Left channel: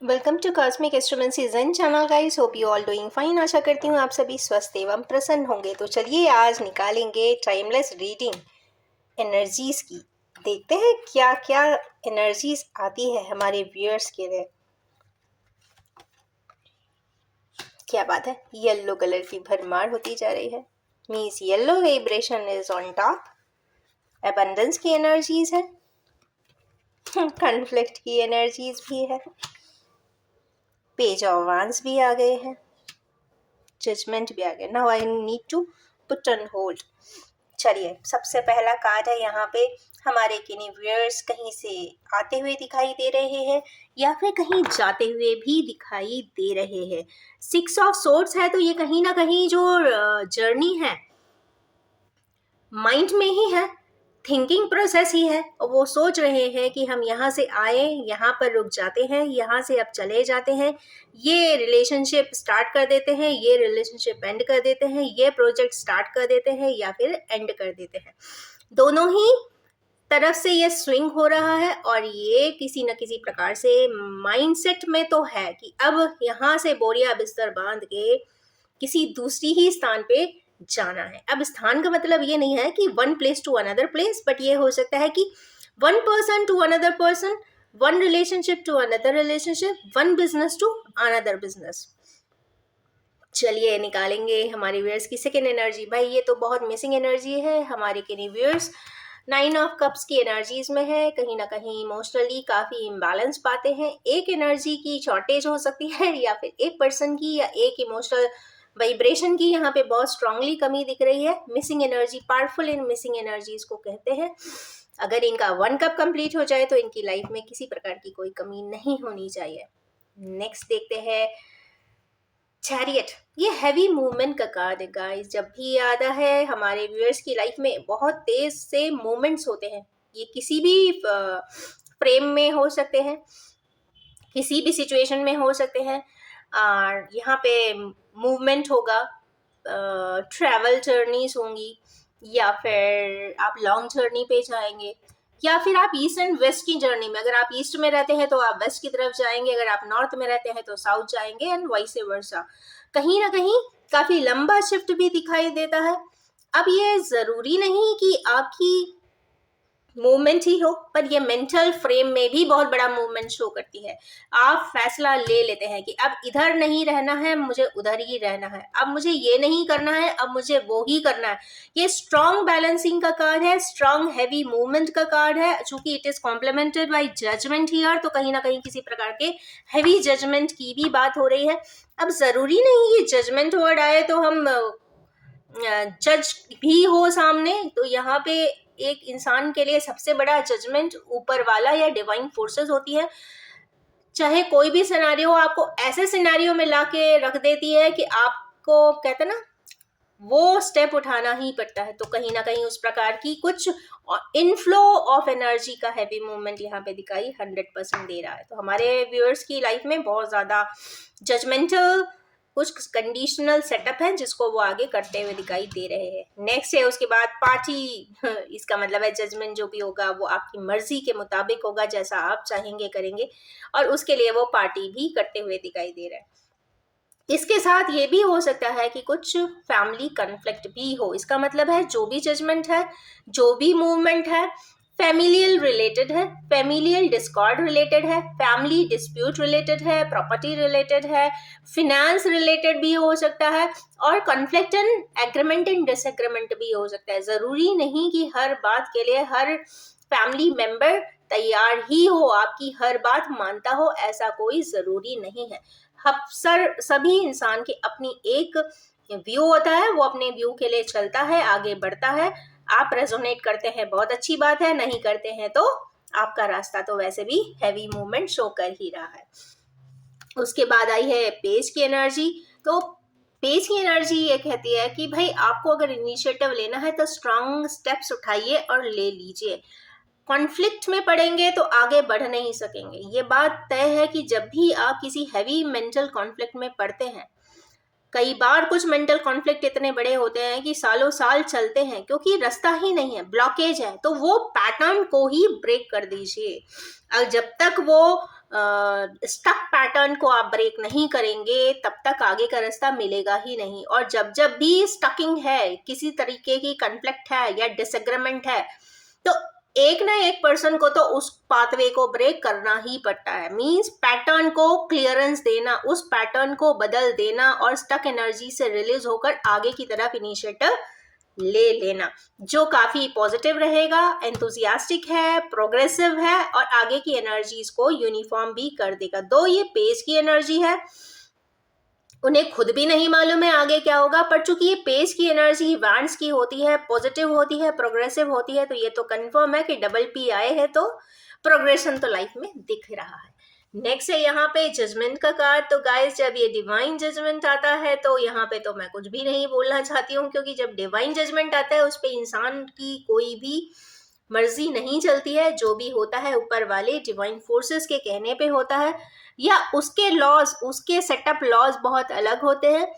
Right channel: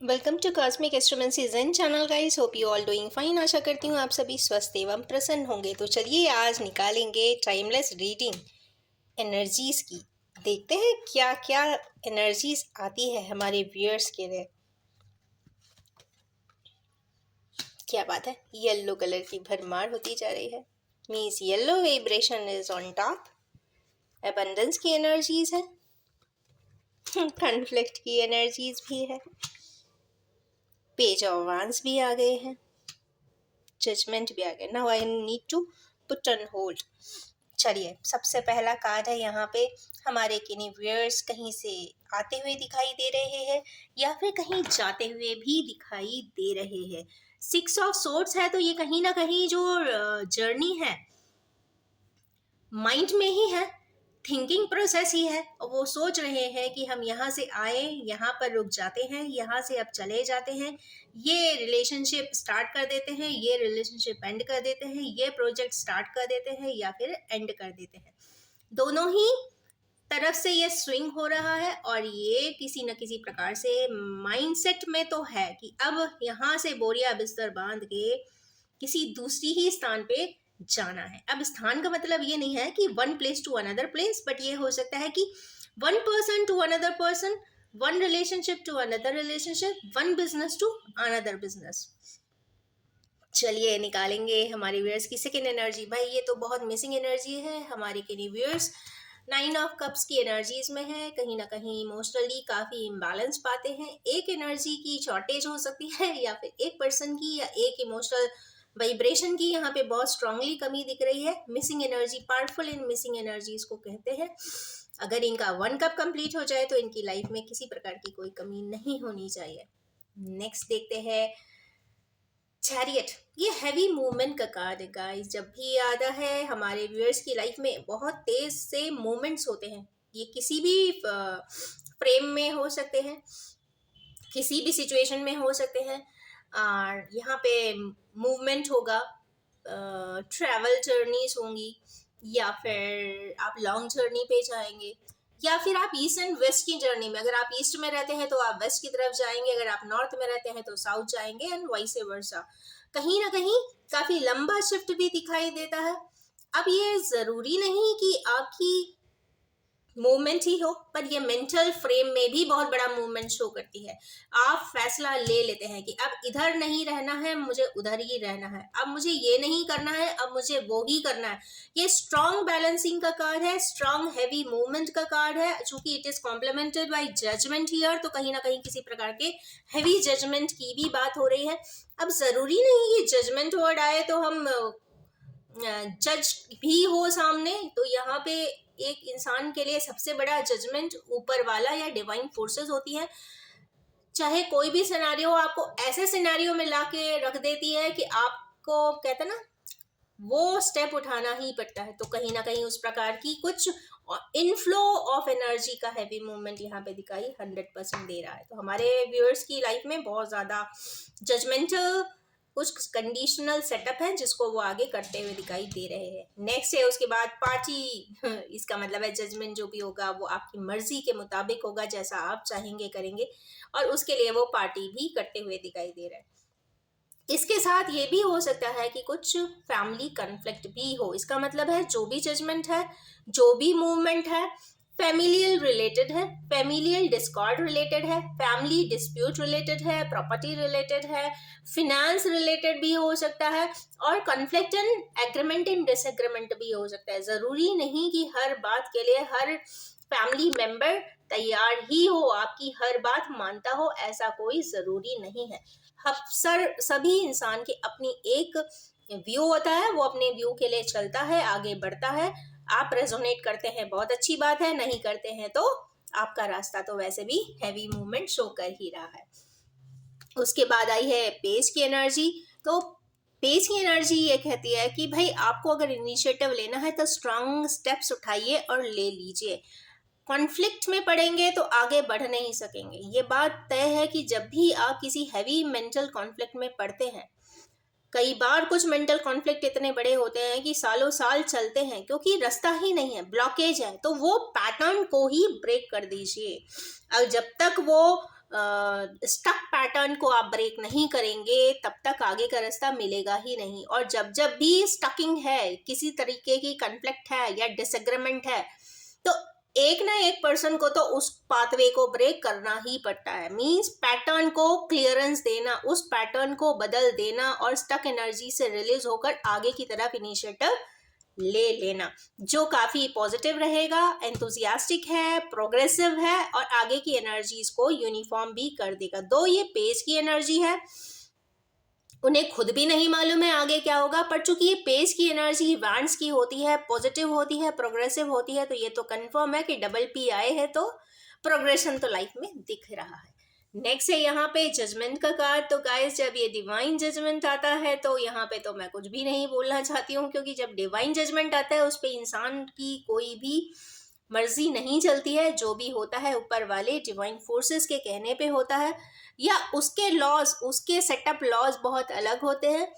Welcome to cosmic astromancy zen channel guys. Hope you all doing fine. आशा करती हूँ आप सभी स्वस्थ एवं प्रसन्न होंगे। तो चलिए आज निकालेंगे टाइमलेस रीडिंग एनर्जीज की। देखते हैं क्या क्या एनर्जीज आती है हमारे व्यूअर्स के लिए। क्या बात है, येलो कलर की भरमार होती जा रही है। Means yellow vibration is on top. Abundance की एनर्जीज है, कॉन्फ्लिक्ट की एनर्जीज भी है, पेज ऑफ वांड्स भी आ गए हैं, जजमेंट भी आ गया। Now I need to put on hold. चलिए, सबसे पहला कार्ड है यहाँ पे। हमारे किन्हीं व्यूअर्स कहीं से आते हुए दिखाई दे रहे हैं या फिर कहीं जाते हुए भी दिखाई दे रहे हैं। 6 ऑफ सोर्ड्स है, तो ये कहीं ना कहीं जो जर्नी है माइंड में ही है, थिंकिंग प्रोसेस ही है। और वो सोच रहे हैं कि हम यहाँ से आए, यहाँ पर रुक जाते हैं, यहाँ से अब चले जाते हैं, ये रिलेशनशिप स्टार्ट कर देते हैं, ये रिलेशनशिप एंड कर देते हैं, ये प्रोजेक्ट स्टार्ट कर देते हैं या फिर एंड कर देते हैं। दोनों ही तरफ से ये स्विंग हो रहा है और ये किसी न किसी प्रकार से माइंडसेट में तो है कि अब यहाँ से बोरिया बिस्तर बांध के किसी दूसरी ही स्थान पे जाना है। अब स्थान का मतलब ये नहीं है कि one place to another place, but ये हो सकता है कि one person to another person, one relationship to another relationship, one business to another business. चलिए निकालेंगे हमारे व्यूअर्स की सेकेंड एनर्जी। भाई ये तो बहुत मिसिंग एनर्जी है हमारे के व्यूअर्स। 9 ऑफ कप्स की एनर्जीज में है, कहीं ना कहीं इमोशनली काफ़ी इम्बैलेंस पाते हैं। एक एनर्जी की शॉर्टेज हो सकती है या फिर एक पर्सन की या एक इमोशनल वाइब्रेशन की यहाँ पे बहुत स्ट्रांगली कमी दिख रही है। Missing energy, powerful in missing energies को कहते हैं। अगर इनका 1 कप कंप्लीट हो जाए तो इनकी लाइफ में किसी प्रकार की कोई कमी नहीं होनी चाहिए। नेक्स्ट देखते हैं चैरियट। ये हैवी मूवमेंट का कार्ड है गाइस। जब भी आता है हमारे व्यूअर्स की लाइफ में बहुत तेज से मूवमेंट्स होते हैं। ये किसी भी फ्रेम में हो सकते हैं, किसी भी सिचुएशन में हो सकते हैं। और यहाँ पे मूवमेंट होगा, ट्रैवल जर्नीज होंगी, या फिर आप लॉन्ग जर्नी पे जाएंगे, या फिर आप ईस्ट एंड वेस्ट की जर्नी में, अगर आप ईस्ट में रहते हैं तो आप वेस्ट की तरफ जाएंगे, अगर आप नॉर्थ में रहते हैं तो साउथ जाएंगे, एंड वाइस वर्सा। कहीं ना कहीं काफी लंबा शिफ्ट भी दिखाई देता है। अब ये जरूरी नहीं कि आपकी मूवमेंट ही हो, पर ये मेंटल फ्रेम में भी बहुत बड़ा मूवमेंट शो करती है। आप फैसला ले लेते हैं कि अब इधर नहीं रहना है, मुझे उधर ही रहना है, अब मुझे ये नहीं करना है, अब मुझे वो ही करना है। ये स्ट्रॉन्ग बैलेंसिंग का कार्ड है, स्ट्रॉन्ग हैवी मूवमेंट का कार्ड है। चूंकि it is complemented by judgement here, तो कहीं ना कहीं किसी प्रकार के हैवी जजमेंट की भी बात हो रही है। अब जरूरी नहीं ये जजमेंट वर्ड आए तो हम जज भी हो सामने। तो यहाँ पे एक इंसान के लिए सबसे बड़ा जजमेंट ऊपर वाला या डिवाइन फोर्सेस होती है। चाहे कोई भी सिनेरियो आपको ऐसे सिनेरियो में लाके रख देती है कि आपको कहते ना वो स्टेप उठाना ही पड़ता है। तो कहीं ना कहीं उस प्रकार की कुछ इनफ्लो ऑफ एनर्जी का हैवी मूवमेंट यहाँ पे दिखाई 100% दे रहा है। तो हमारे व्यूअर्स की लाइफ में बहुत ज़्यादा जजमेंटल कुछ कंडीशनल सेटअप है जिसको वो आगे करते हुए दिखाई दे रहे हैं। नेक्स्ट है उसके बाद पार्टी। इसका मतलब है जजमेंट जो भी होगा वो आपकी मर्जी के मुताबिक होगा, जैसा आप चाहेंगे करेंगे, और उसके लिए वो पार्टी भी करते हुए दिखाई दे रहा है। इसके साथ ये भी हो सकता है कि कुछ फैमिली कन्फ्लिक्ट भी हो। इसका मतलब है जो भी जजमेंट है, जो भी मूवमेंट है, फैमिलियल रिलेटेड है, फैमिलियल डिस्कॉर्ड रिलेटेड है, फैमिली डिस्प्यूट रिलेटेड है, प्रॉपर्टी रिलेटेड है, फिनेंस रिलेटेड भी हो सकता है, और conflict and agreement and disagreement भी हो सकता है। जरूरी नहीं कि हर बात के लिए हर फैमिली मेंबर तैयार ही हो, आपकी हर बात मानता हो, ऐसा कोई जरूरी नहीं है। अक्सर सभी इंसान की अपनी एक व्यू होता है, वो अपने व्यू के लिए चलता है, आगे बढ़ता है। आप रेजोनेट करते हैं, बहुत अच्छी बात है, नहीं करते हैं तो आपका रास्ता तो वैसे भी हैवी मूवमेंट शो कर ही रहा है। उसके बाद आई है पेज की एनर्जी। तो पेज की एनर्जी ये कहती है कि भाई आपको अगर इनिशिएटिव लेना है तो स्ट्रांग स्टेप्स उठाइए और ले लीजिए। कॉन्फ्लिक्ट में पड़ेंगे तो आगे बढ़ नहीं सकेंगे। ये बात तय है कि जब भी आप किसी हैवी मेंटल कॉन्फ्लिक्ट में पड़ते हैं, कई बार कुछ मेंटल कॉन्फ्लिक्ट इतने बड़े होते हैं कि सालों साल चलते हैं, क्योंकि रास्ता ही नहीं है, ब्लॉकेज है। तो वो पैटर्न को ही ब्रेक कर दीजिए। और जब तक वो स्टक पैटर्न को आप ब्रेक नहीं करेंगे तब तक आगे का रास्ता मिलेगा ही नहीं। और जब जब भी स्टकिंग है, किसी तरीके की कन्फ्लिक्ट है या डिसएग्रीमेंट है, तो एक ना एक पर्सन को तो उस पाथवे को ब्रेक करना ही पड़ता है। मींस पैटर्न को क्लियरेंस देना, उस पैटर्न को बदल देना और स्टक एनर्जी से रिलीज होकर आगे की तरफ इनिशिएटिव ले लेना, जो काफी पॉजिटिव रहेगा, एंथुजियास्टिक है, प्रोग्रेसिव है और आगे की एनर्जीज को यूनिफॉर्म भी कर देगा। दो ये पेज की एनर्जी है, उन्हें खुद भी नहीं मालूम है आगे क्या होगा, पर चूंकि ये पेज की एनर्जी वैंड्स की होती है, पॉजिटिव होती है, प्रोग्रेसिव होती है, तो ये तो कंफर्म है कि डबल पी आए हैं तो प्रोग्रेशन तो लाइफ में दिख रहा है। नेक्स्ट है यहाँ पे जजमेंट का कार्ड। तो गाइस, जब ये डिवाइन जजमेंट आता है तो यहाँ पे तो मैं कुछ भी नहीं बोलना चाहती हूँ, क्योंकि जब डिवाइन जजमेंट आता है उस पे इंसान की कोई भी मर्जी नहीं चलती है। जो भी होता है ऊपर वाले डिवाइन फोर्सेस के कहने पे होता है, या उसके लॉज, उसके सेटअप लॉज बहुत अलग होते हैं,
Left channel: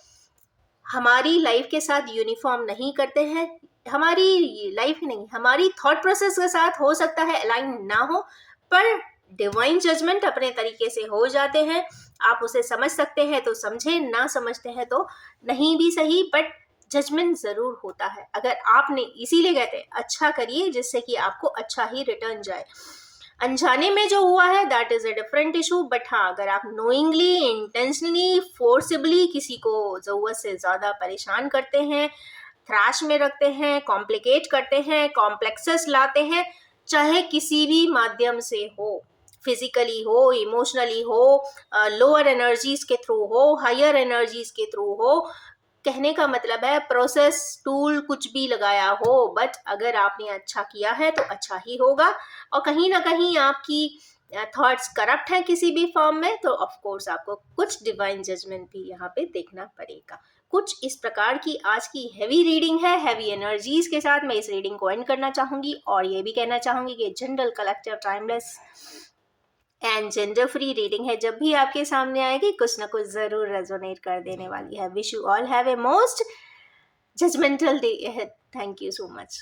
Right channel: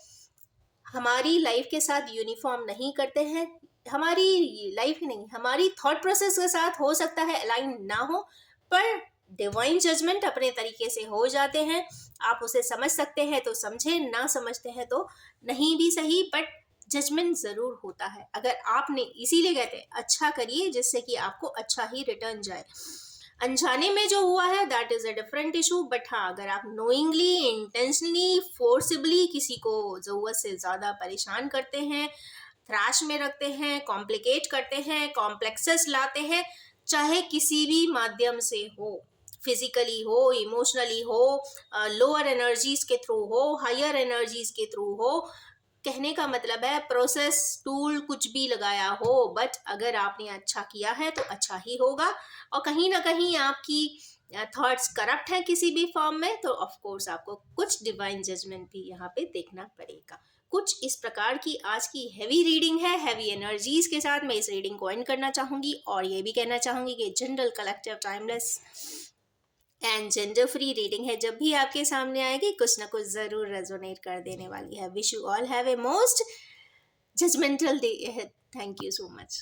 हमारी लाइफ के साथ यूनिफॉर्म नहीं करते हैं। हमारी लाइफ ही नहीं, हमारी थॉट प्रोसेस के साथ हो सकता है अलाइन ना हो, पर डिवाइन जजमेंट अपने तरीके से हो जाते हैं। आप उसे समझ सकते हैं तो समझे, ना समझते हैं तो नहीं भी सही, बट जजमेंट जरूर होता है। अगर आपने, इसीलिए कहते हैं अच्छा करिए जिससे कि आपको अच्छा ही रिटर्न जाए। अनजाने में जो हुआ है that is a different issue, but हाँ, अगर आप नोइंगली, इंटेंशनली, फोर्सिबली किसी को जरूरत से ज्यादा परेशान करते हैं, थ्रैश में रखते हैं, कॉम्प्लिकेट करते हैं, कॉम्प्लेक्सेस लाते हैं, चाहे किसी भी माध्यम से हो, फिजिकली हो, इमोशनली हो, लोअर एनर्जीज के थ्रू हो, हायर एनर्जीज के थ्रू हो, कहने का मतलब है प्रोसेस, टूल कुछ भी लगाया हो, बट अगर आपने अच्छा किया है तो अच्छा ही होगा। और कहीं ना कहीं आपकी थॉट्स करप्ट हैं किसी भी फॉर्म में, तो ऑफ कोर्स आपको कुछ डिवाइन जजमेंट भी यहाँ पे देखना पड़ेगा। कुछ इस प्रकार की आज की हैवी रीडिंग है। हैवी एनर्जीज के साथ मैं इस रीडिंग को एंड करना चाहूंगी, और ये भी कहना चाहूंगी कि general, collective, timeless and gender free reading है। जब भी आपके सामने आएगी कुछ ना कुछ जरूर रेजोनेट कर देने वाली है। Wish you all have a most judgemental day. Thank you so much.